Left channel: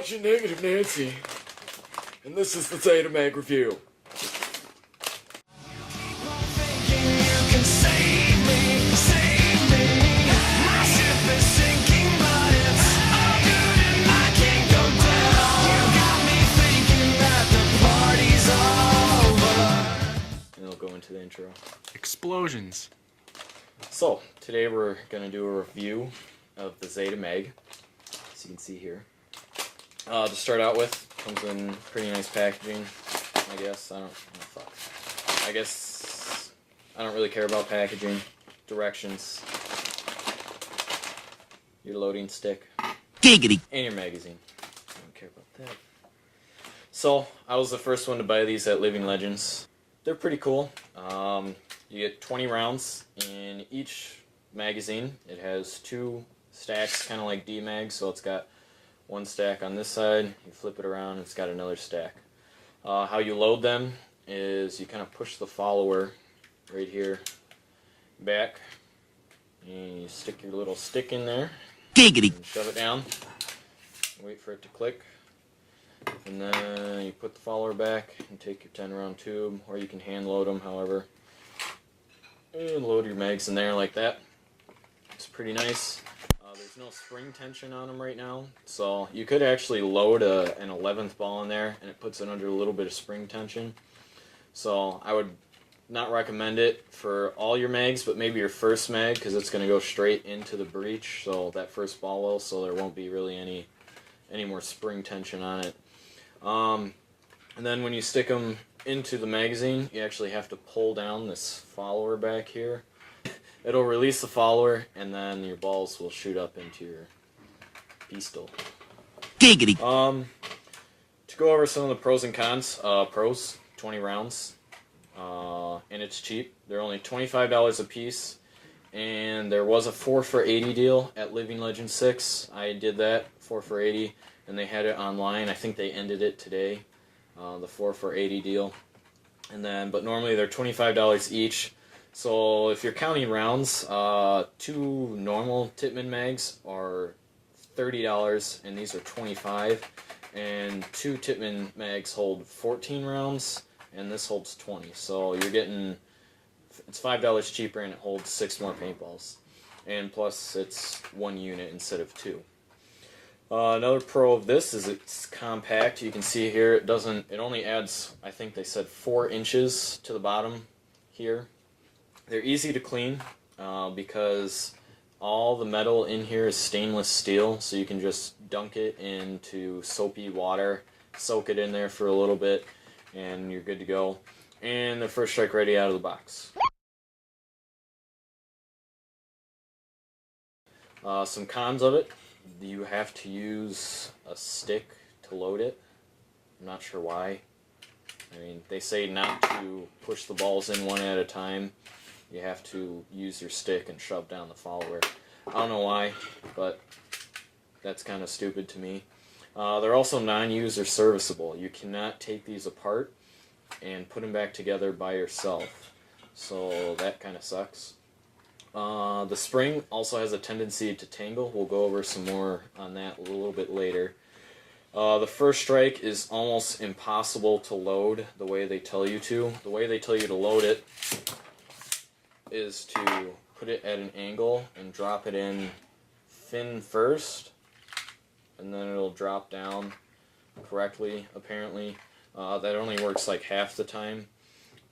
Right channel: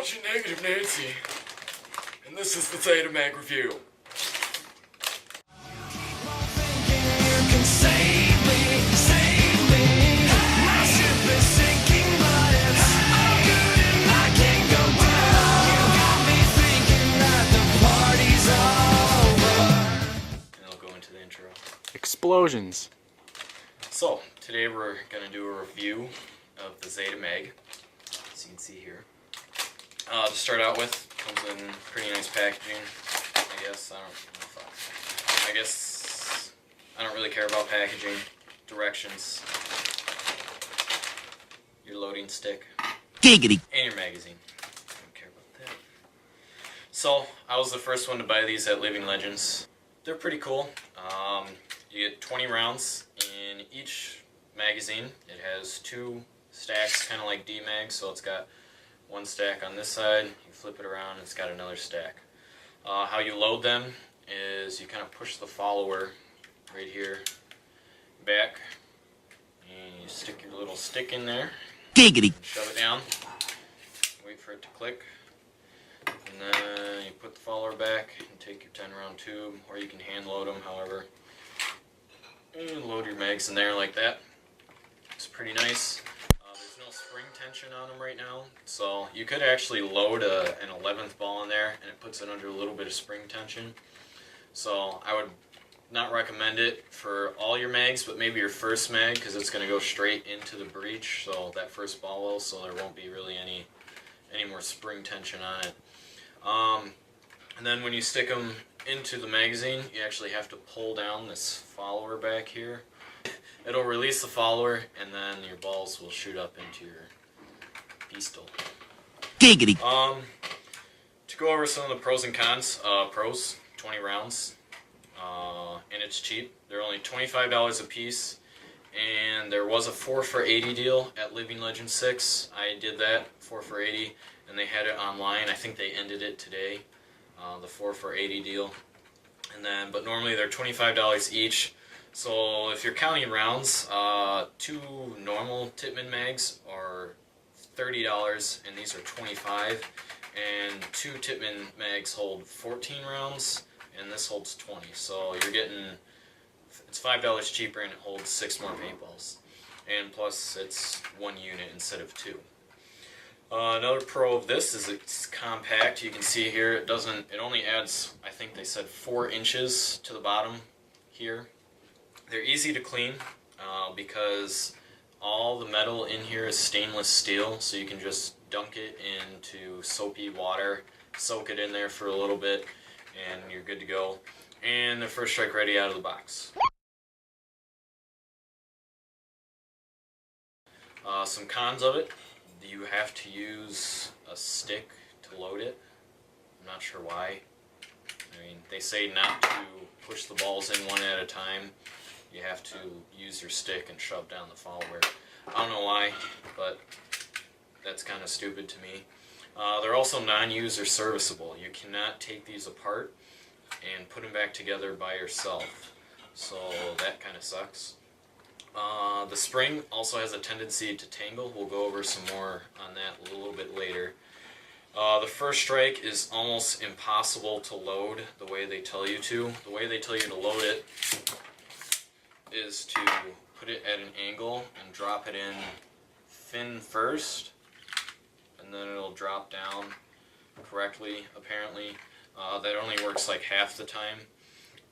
watching Negative Nancy, and this is the Zetamag review. The intro. Explosions. So, today we're going to do a review of the Zetamag, as you can see here. To start out with, comes in pretty nice packaging, I guess. I guess I don't really care about packaging. Directions. Your loading stick. Giggity. And your magazine. I don't care about that. So, I was the first one to buy these at Living Legends. They're pretty cool. You get 20 rounds in each magazine. It has 2 stacks, kind of like D-Mag, so it's got one stack on this side. You flip it around, it's got another stack. How you load them is you kind of push the follower right here back, and you stick your little stick in there. Giggity. Shove it down. Wait for it to click. And then you put the follower back and take your 10 round tube, or you can hand load them, however. And load your mags in there like that. It's pretty nice. There's no spring tension on them right now, so you could actually load an 11th ball in there and it puts it under a little bit of spring tension. So I would not recommend it for all your mags, but maybe your first mag, because it's going to go straight into the breech, so that first ball will, so there won't be really any more spring tension on it. And then when you stick them into the magazine, you actually have to pull down this follower back here. It'll release the follower, and then your balls will shoot up into your pistol. Giggity. To go over some of the pros and cons, pros, 20 rounds, and it's cheap. They're only $25 a piece, and there was a 4 for $80 deal at Living Legends 6. I did that, 4 for $80, and they had it online. I think they ended it today, the 4 for $80 deal. And then, but normally they're $25 each. So if you're counting rounds, 2 normal Tippmann mags are $30, and these are $25. And 2 Tippmann mags hold 14 rounds, and this holds 20. So you're getting, it's $5 cheaper, and it holds 6 more paintballs. And plus, it's 1 unit instead of 2. Another pro of this is it's compact. You can see here it only adds, I think they said 4 inches to the bottom here. They're easy to clean because all the metal in here is stainless steel, so you can just dunk it into soapy water, soak it in there for a little bit, and you're good to go. And they're first strike ready out of the box. Some cons of it. You have to use a stick to load it. I'm not sure why. I mean, they say not to push the balls in one at a time. You have to use your stick and shove down the follower. I don't know why, but that's kind of stupid to me. They're also non-user serviceable. You cannot take these apart and put them back together by yourself. So that kind of sucks. The spring also has a tendency to tangle. We'll go over some more on that a little bit later. The first strike is almost impossible to load the way they tell you to. The way they tell you to load it is to put it at an angle and drop it in fin first, and then it'll drop down correctly, apparently. That only works like half the time.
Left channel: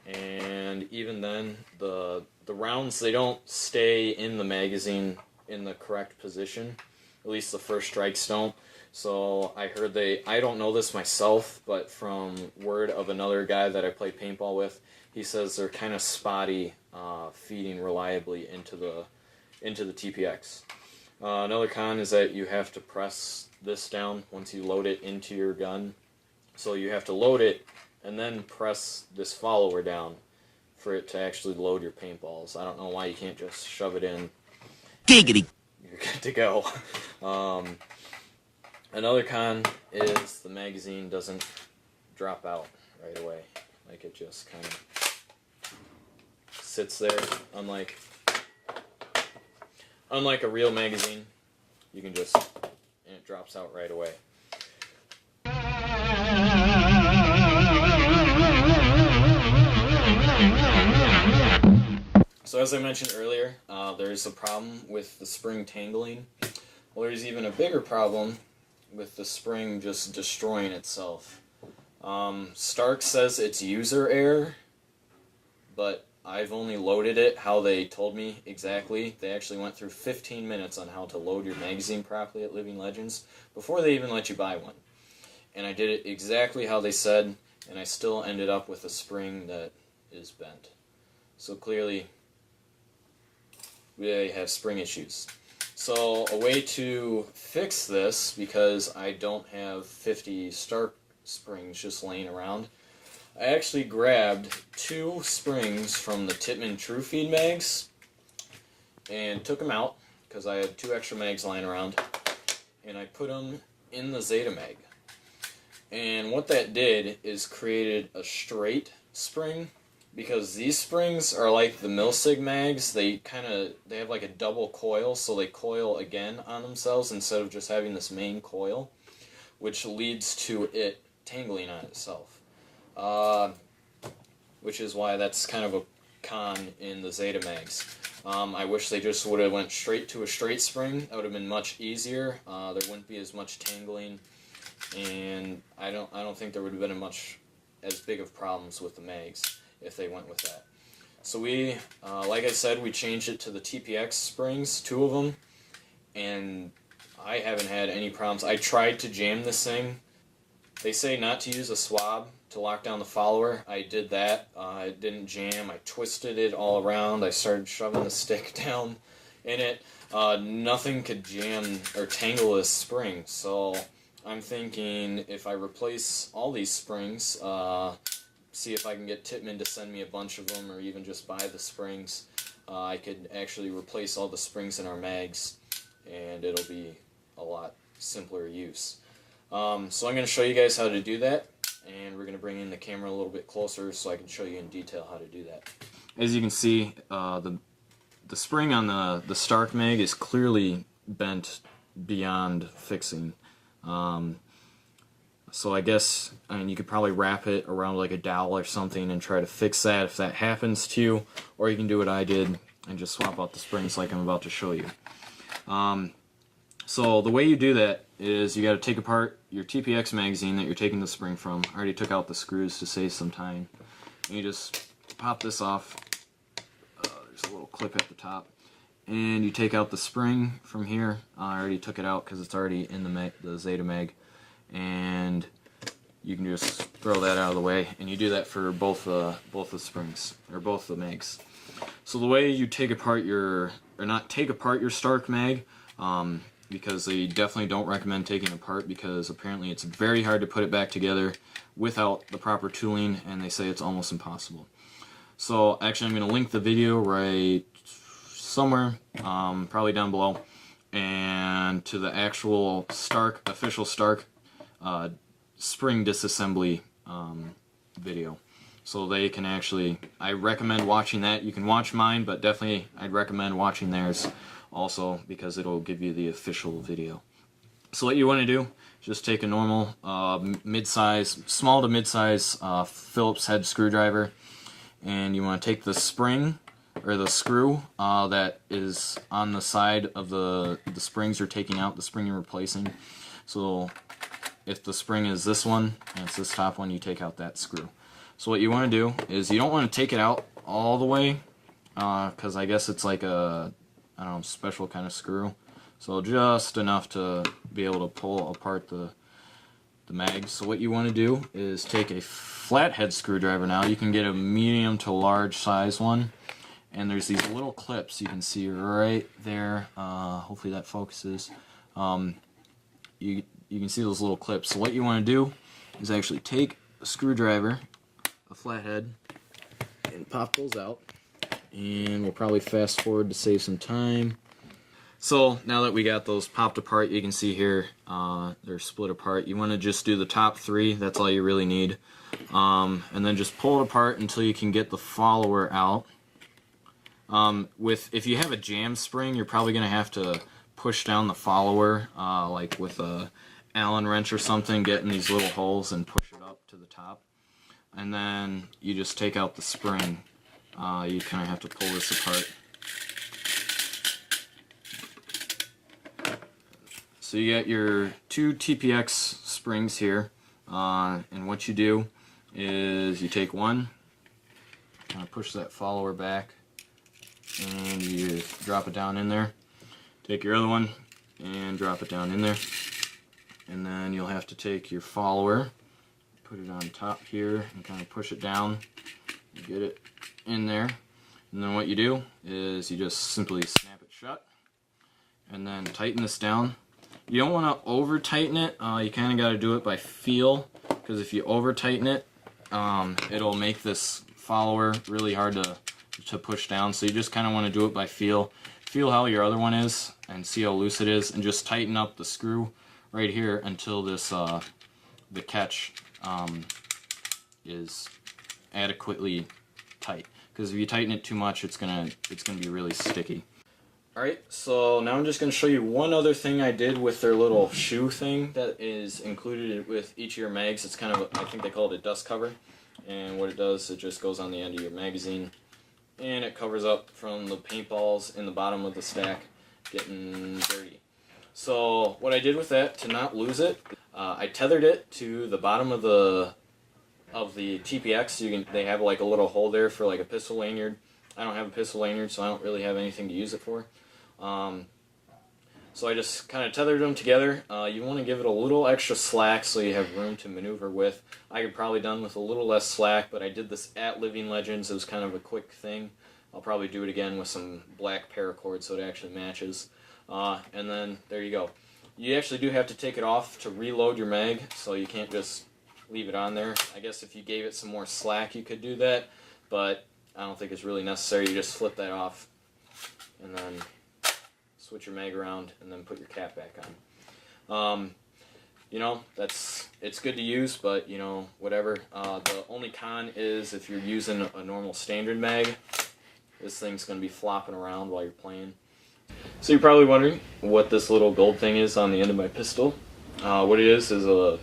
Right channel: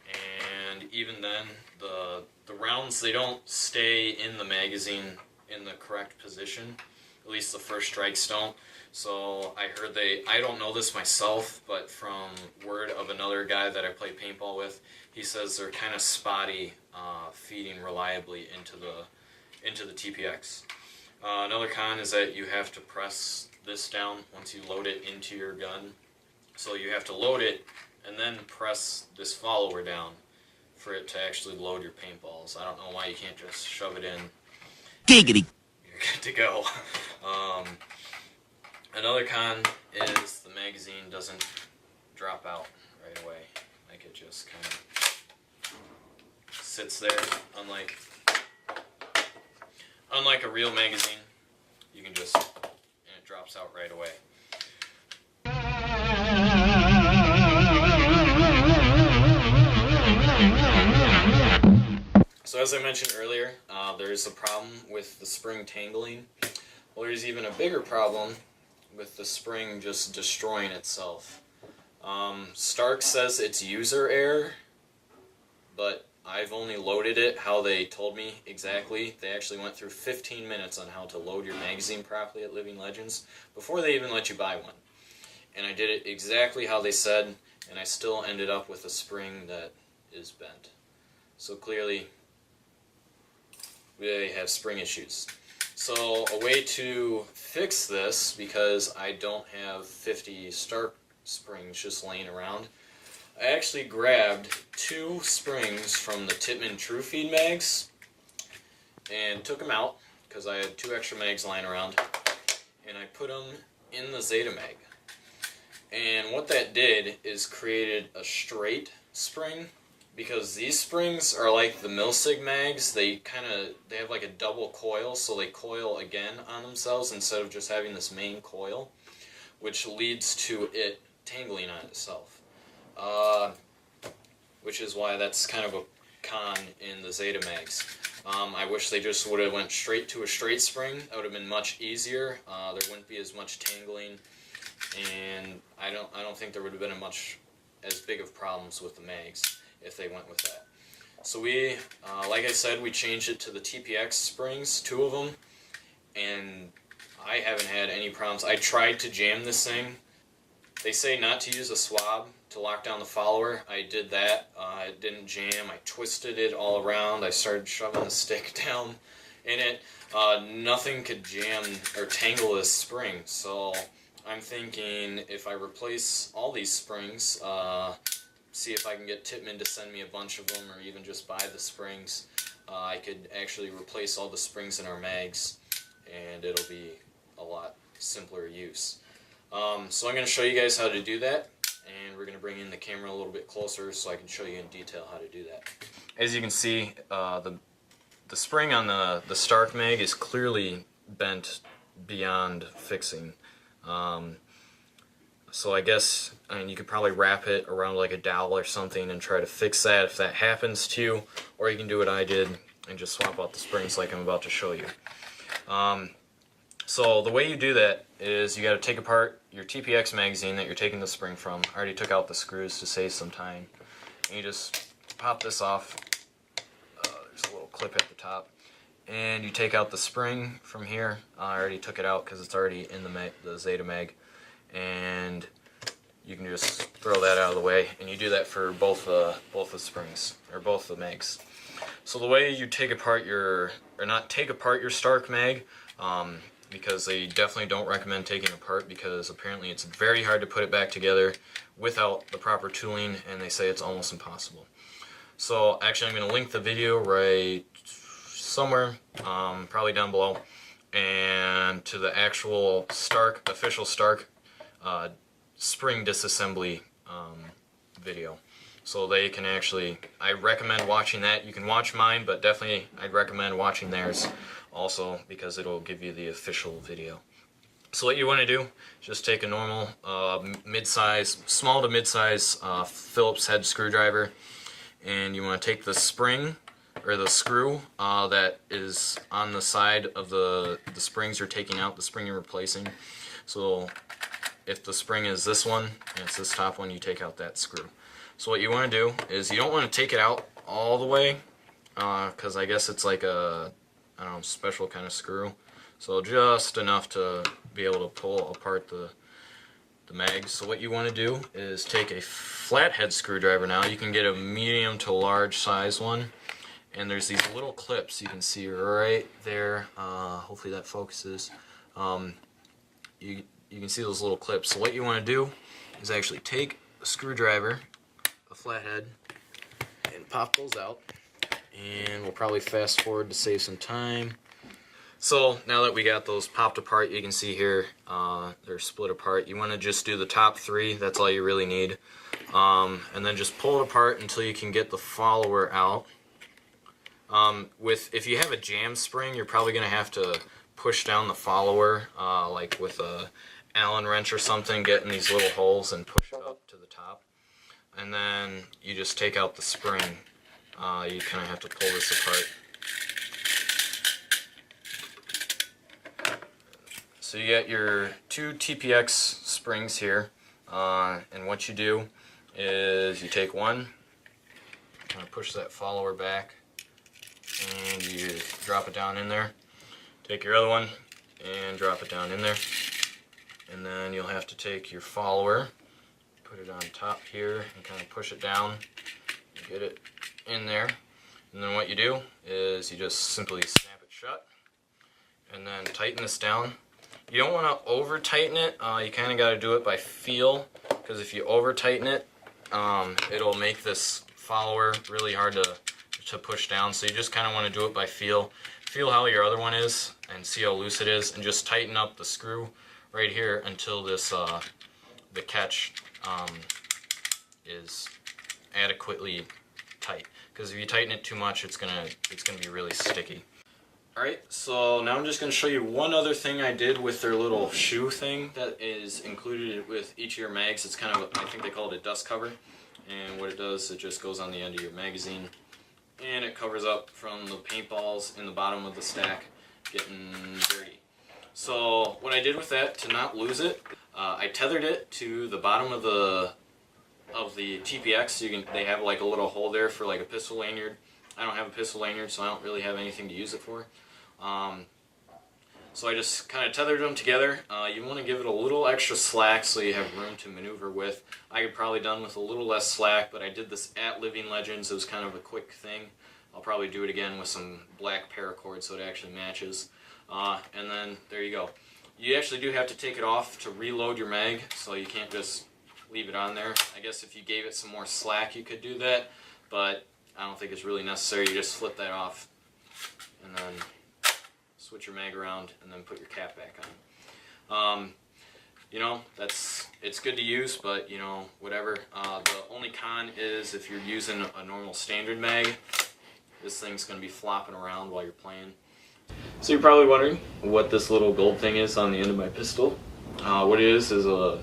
And even then, the rounds, they don't stay in the magazine in the correct position. At least the first strikes don't. So I heard I don't know this myself, but from word of another guy that I play paintball with, he says they're kind of spotty feeding reliably into the TPX. Another con is that you have to press this down once you load it into your gun. So you have to load it and then press this follower down for it to actually load your paintballs. I don't know why you can't just shove it in. Giggity. You're good to go. Another con is the magazine doesn't drop out right away. Like, it just kind of sits there, unlike a real magazine. You can just, and it drops out right away. as I mentioned earlier, there's a problem with the spring tangling. Well, there's even a bigger problem with the spring just destroying itself. Stark says it's user error, but I've only loaded it how they told me exactly. They actually went through 15 minutes on how to load your magazine properly at Living Legends before they even let you buy one. And I did it exactly how they said, and I still ended up with a spring that is bent. So clearly, they have spring issues. So a way to fix this, because I don't have 50 Stark springs just laying around, I actually grabbed 2 springs from the Tippmann True Feed mags and took them out because I had 2 extra mags lying around, and I put them in the Zetamag. And what that did is created a straight spring, because these springs are like the Milsig mags. They have like a double coil, so they coil again on themselves instead of just having this main coil, which leads to it tangling on itself. Which is why that's kind of a con in the Zetamags. I wish they just would have went straight to a straight spring. That would have been much easier. There wouldn't be as much tangling, and I don't think there would have been as big of problems with the mags if they went with that. So we, like I said, we changed it to the TPX springs, 2 of them, and I haven't had any problems. I tried to jam this thing. They say not to use a swab to lock down the follower. I did that. It didn't jam. I twisted it all around. I started shoving the stick down in it. Nothing could jam or tangle this spring. So I'm thinking if I replace all these springs, see if I can get Tippmann to send me a bunch of them, or even just buy the springs, I could actually replace all the springs in our mags, and it'll be a lot simpler use. So I'm going to show you guys how to do that, and we're going to bring in the camera a little bit closer so I can show you in detail how to do that. As you can see, the spring on the Stark mag is clearly bent beyond fixing. So I guess, you could probably wrap it around like a dowel or something and try to fix that if that happens to you, or you can do what I did and just swap out the springs like I'm about to show you. So the way you do that is you got to take apart your TPX magazine that you're taking the spring from. I already took out the screws to save some time. And you just pop this off. There's a little clip at the top. And you take out the spring from here. I already took it out because it's already in the Zetamag. And you can just throw that out of the way. And you do that for both the springs, or both the mags. So the way you take apart your, or not take apart your Stark mag, because they definitely don't recommend taking it apart, because apparently it's very hard to put it back together without the proper tooling, and they say it's almost impossible. So actually I'm going to link the video right somewhere, probably down below, and to the actual official Stark spring disassembly video. So they can actually, I recommend watching that. You can watch mine, but definitely I'd recommend watching theirs also, because it'll give you the official video. So what you want to do is just take a normal small to mid-size Phillips head screwdriver, and you want to take the spring, or the screw that is on the side of the springs you're taking out, the spring you're replacing. So if the spring is this one, and it's this top one, you take out that screw. So what you want to do is, you don't want to take it out all the way, because I guess it's like a, I don't know, special kind of screw. So just enough to be able to pull apart the mags. So what you want to do is take a flathead screwdriver now. You can get a medium to large size one. And there's these little clips you can see right there. Hopefully that focuses. You can see those little clips. So what you want to do is actually take a screwdriver, a flathead, and pop those out. And we'll probably fast forward to save some time. So now that we got those popped apart, you can see here they're split apart. You want to just do the top 3, that's all you really need. And then just pull it apart until you can get the follower out. If you have a jam spring, you're probably going to have to push down the follower, like with a Allen wrench or something, get in these little holes and push it up to the top. And then you just take out the spring you kind of have to pull this apart. So you got your 2 TPX springs here, and what you do is you take one, kind of push that follower back, and you drop it down in there. Take your other one and drop it down in there, and then you'll have to take your follower, put it on top here, and kind of push it down, get it in there, and then what you do is you just simply snap it shut, and then tighten this down. You don't want to over tighten it, you kind of got to do it by feel, because if you over tighten it, it'll make this follower really hard to push down. So you just kind of want to do it by feel. Feel how your other one is and see how loose it is, and just tighten up the screw right here until this the catch is adequately tight. Because if you tighten it too much, it's gonna be really sticky. Alright, so now I'm just going to show you one other thing I did with their little shoe thing that is included with each of your mags. It's kind of, I think they call it a dust cover. And what it does, it just goes on the end of your magazine. And it covers up from the paintballs in the bottom of the stack getting dirty. So what I did with that, to not lose it, I tethered it to the bottom of the TPX. They have like a little hole there for like a pistol lanyard. I don't have a pistol lanyard, so I don't really have anything to use it for. So I just kind of tethered them together. You want to give it a little extra slack so you have room to maneuver with. I could probably done with a little less slack, but I did this at Living Legends. It was kind of a quick thing. I'll probably do it again with some black paracord so it actually matches. And then there you go. You actually do have to take it off to reload your mag, so you can't just leave it on there. I guess if you gave it some more slack you could do that, but I don't think it's really necessary. You just flip that off and then switch your mag around and then put your cap back on. You know, it's good to use, but you know, whatever. The only con is if you're using a normal standard mag, this thing's going to be flopping around while you're playing. So you're probably wondering what this little gold thing is on the end of my pistol. What it is a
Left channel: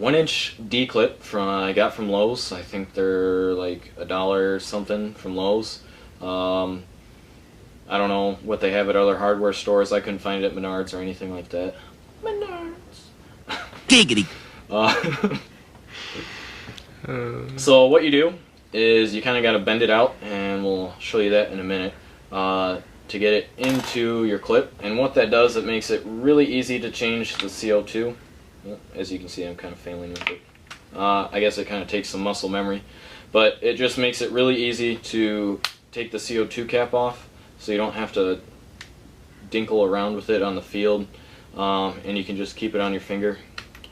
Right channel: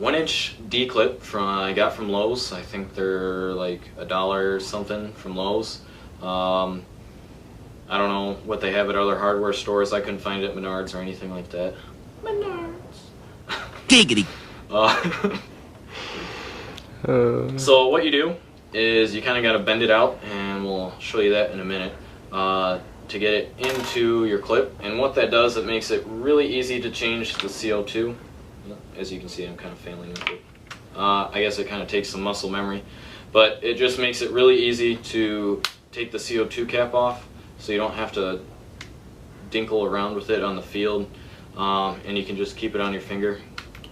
1-inch D-clip I got from Lowe's. I think they're like $1 or something from Lowe's. I don't know what they have at other hardware stores. I couldn't find it at Menards or anything like that. Menards. Giggity. So what you do is you kind of got to bend it out, and we'll show you that in a minute, to get it into your clip. And what that does, it makes it really easy to change the CO2. As you can see, I'm kind of failing with it. I guess it kind of takes some muscle memory, but it just makes it really easy to take the CO2 cap off, so you don't have to dinkle around with it on the field, and you can just keep it on your finger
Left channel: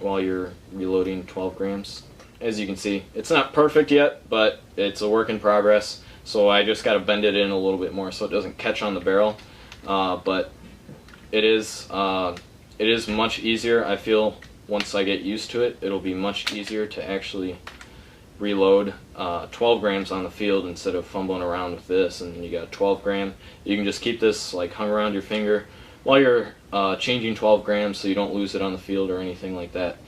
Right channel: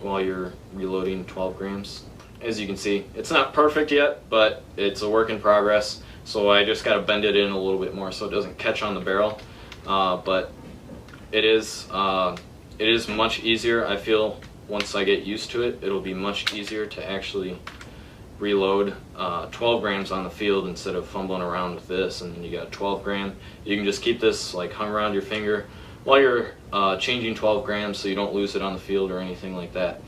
while you're reloading 12 grams. As you can see, it's not perfect yet, but it's a work in progress, so I just got to bend it in a little bit more so it doesn't catch on the barrel, but it is much easier. I feel once I get used to it, it'll be much easier to actually reload 12 grams on the field instead of fumbling around with this. And you got 12 gram. You can just keep this like hung around your finger while you're changing 12 grams, so you don't lose it on the field or anything like that.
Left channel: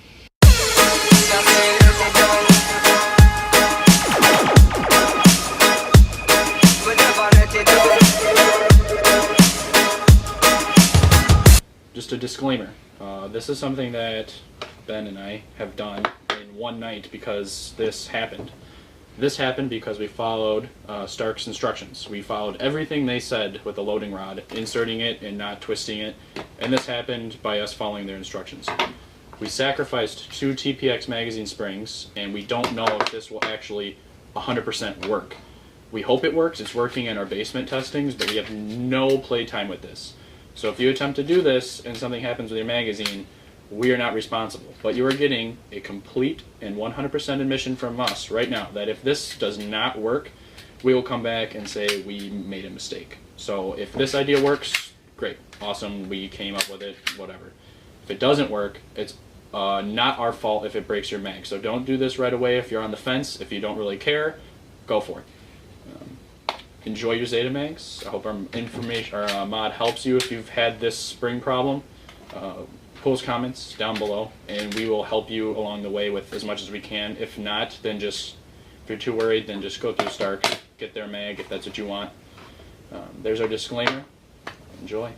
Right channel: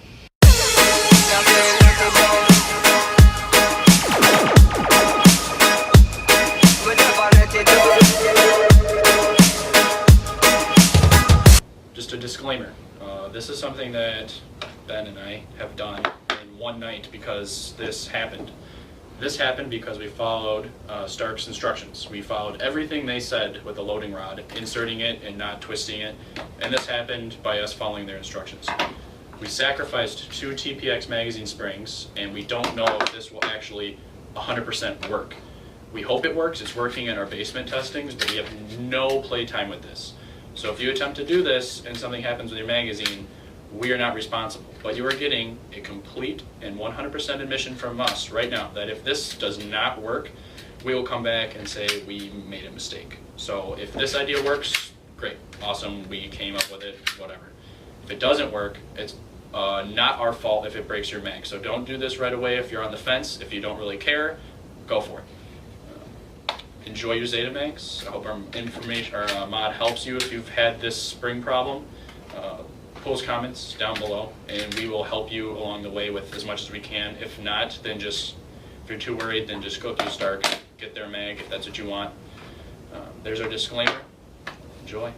Just a disclaimer, this is something that Ben and I have done in one night because this happened. This happened because we followed Stark's instructions. We followed everything they said with the loading rod, inserting it and not twisting it, and this happened by us following their instructions. We sacrificed 2 TPX magazine springs, and we don't know if this will actually 100% work. We hope it works. It's working in our basement testings, but we have no play time with this. So if you attempt to do this and something happens with your magazine, we are not responsible. But you are getting a complete and 100% admission from us right now that if this does not work, we will come back and say we made a mistake. So if this idea works, great, awesome, we came up with it, whatever. If it doesn't work, it's not our fault if it breaks your mag. So don't do this right away if you're on the fence. If you don't really care, go for it. Enjoy your Zetamags. I hope our information, our mod helps you if you've had this spring problem. Post comments down below, and we will help you along the way with as much as we can. If not, then just If you're too worried, then just go through Stark, get their mag if that's what you want. There's our disclaimer. Enjoy.